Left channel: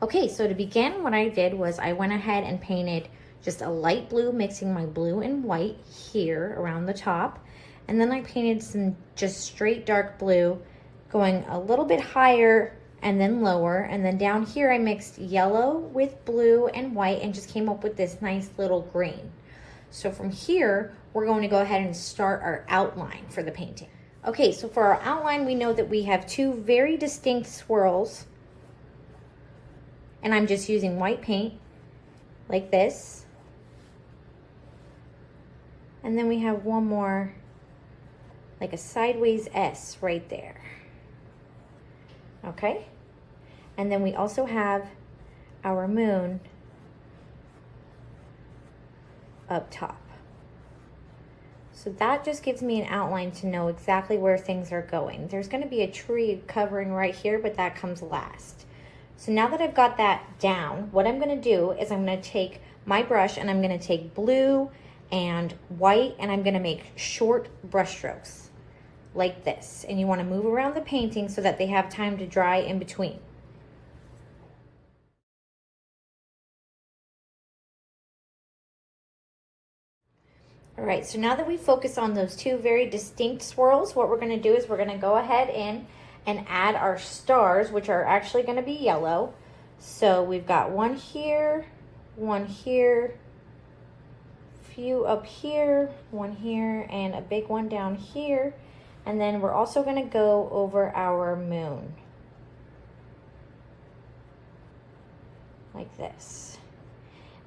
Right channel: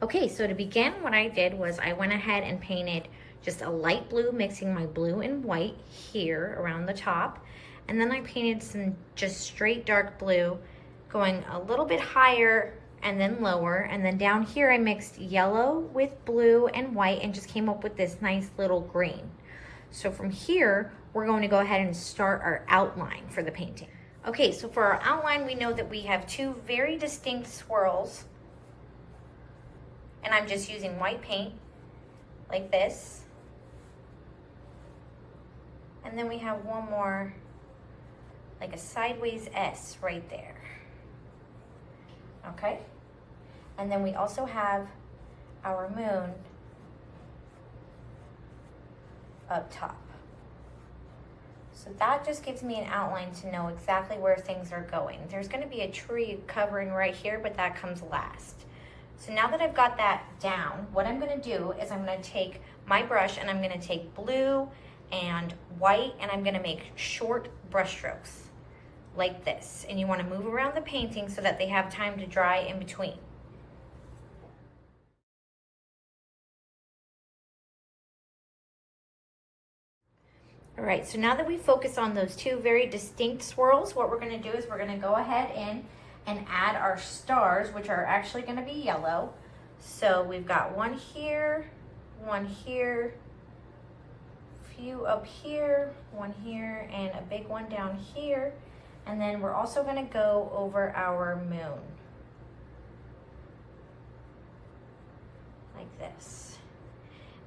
Okay, so to begin, what I did was I went ahead and painted just a light blue, mixing my blue and white here around the top. And then I painted some just straight dark blue, going a little bit higher and then lower. And then down here, I mixed yellow with blue and white and just came up with this nice little green. So from here, we're going to go ahead and start our outline for the painting. Okay, so for our outline, we know that we have two very distinct swirls. And I'm just using white paint like this. And then we have one more, like a sideways S right there. Okay? And then we also have our moon up top. So that just gives me an outline to know exactly where things are going. There's going to be a tree covering right here, but that comes last. So now that I've got that down, what I'm going to do is I'm going to take my brush and I'm going to take blue and white and I'm going to make short brush strokes like this. And you want to move around the painting so that they have time to dry in between. All right, so now that we focus on those two very distinct swirls, what we're going to do is we're going to go ahead in and add our stars, which are actually going to be yellow. So we've got one here, few up here, one here, and a big one down here. And then we're also going to go over our moon like this.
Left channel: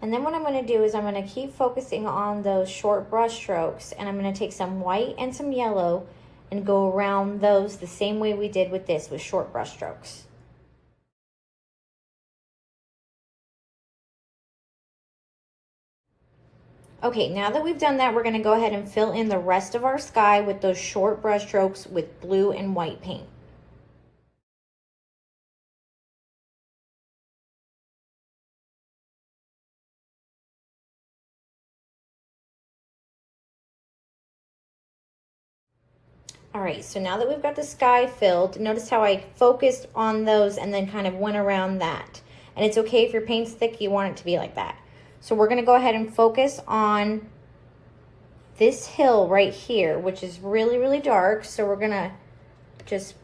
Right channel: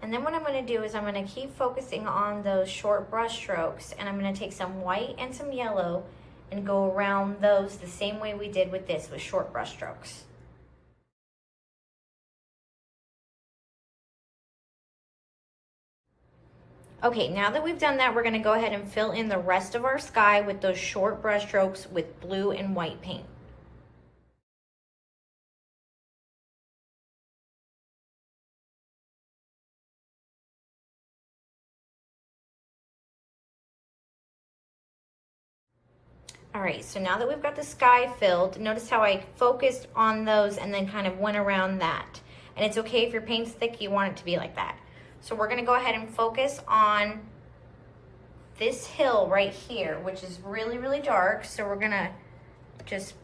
And then what I'm going to do is I'm going to keep focusing on those short brush strokes, and I'm going to take some white and some yellow and go around those the same way we did with this, with short brush strokes. Okay, now that we've done that, we're going to go ahead and fill in the rest of our sky with those short brush strokes with blue and white paint. All right, so now that we've got the sky filled, notice how I focused on those and then kind of went around that. And it's okay if your paint's thick, you want it to be like that. So we're gonna go ahead and focus on this hill right here, which is really, really dark. So we're gonna just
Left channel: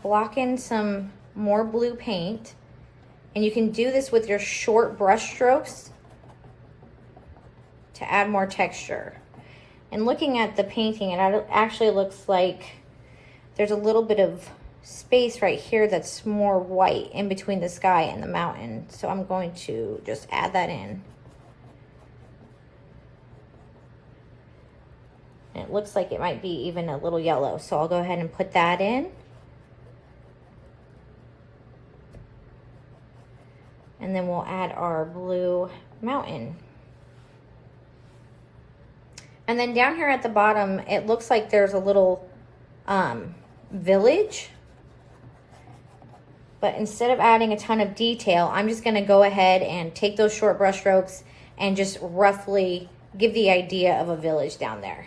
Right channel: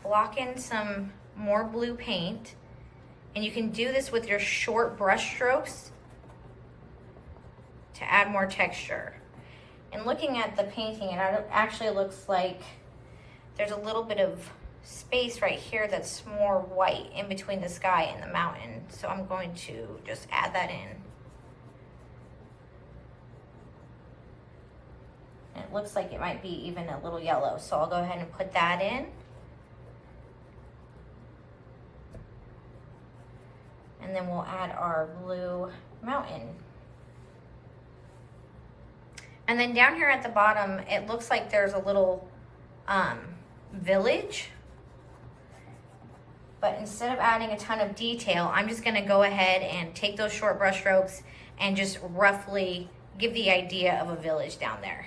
block in some more blue paint. And you can do this with your short brush strokes to add more texture. And looking at the painting, it actually looks like there's a little bit of space right here that's more white in between the sky and the mountain. So I'm going to just add that in. And it looks like it might be even a little yellow. So I'll go ahead and put that in. And then we'll add our blue mountain. And then down here at the bottom, it looks like there's a little village. But instead of adding a ton of detail, I'm just going to go ahead and take those short brush strokes and just roughly give the idea of a village down there.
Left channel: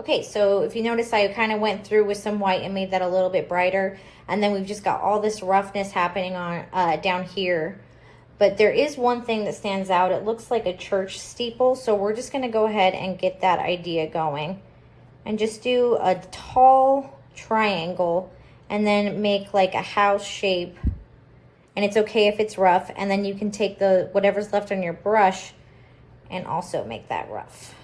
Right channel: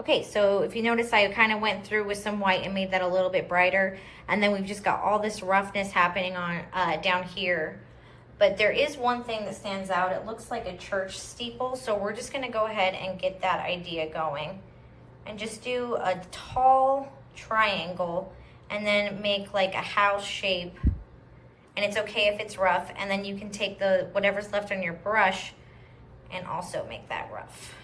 Okay, so if you notice, I kind of went through with some white and made that a little bit brighter. And then we've just got all this roughness happening on down here. But there is one thing that stands out. It looks like a church steeple. So we're just going to go ahead and get that idea going. And just do a tall triangle and then make like a house shape. And it's okay if it's rough. And then you can take the whatever's left on your brush and also make that rough.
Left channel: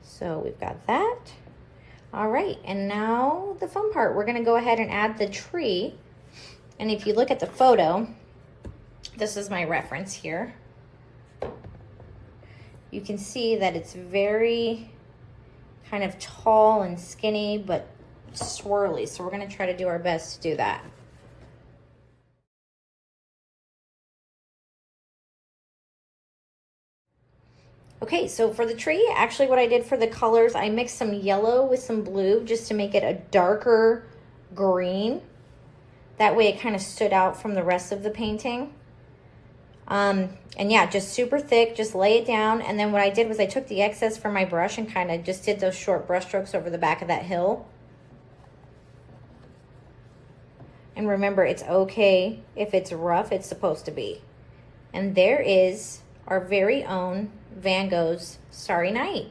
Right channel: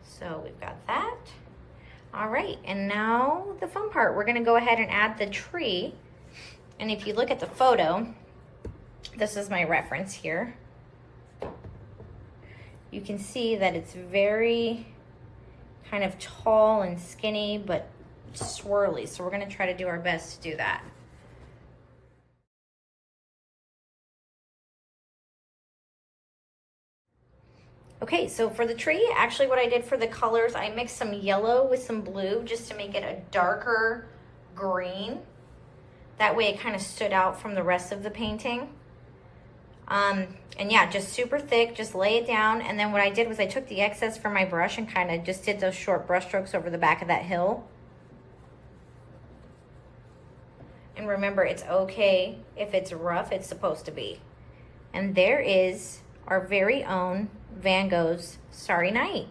So we've got that. All right, and now the fun part. We're gonna go ahead and add the tree. And if you look at the photo, this is my reference here. You can see that it's very kind of tall and skinny, but swirly. So we're gonna try to do our best to do that. Okay, so for the tree, actually what I did for the colors, I mixed some yellow with some blue just to make it a darker green. That way it kind of stood out from the rest of the painting. And yeah, just super thick, just lay it down. And then what I did was I took the excess from my brush and kind of just did those short brush strokes over the back of that hill. And remember, it's okay if it's rough, it's supposed to be. And there is our very own Van Gogh's Starry Night.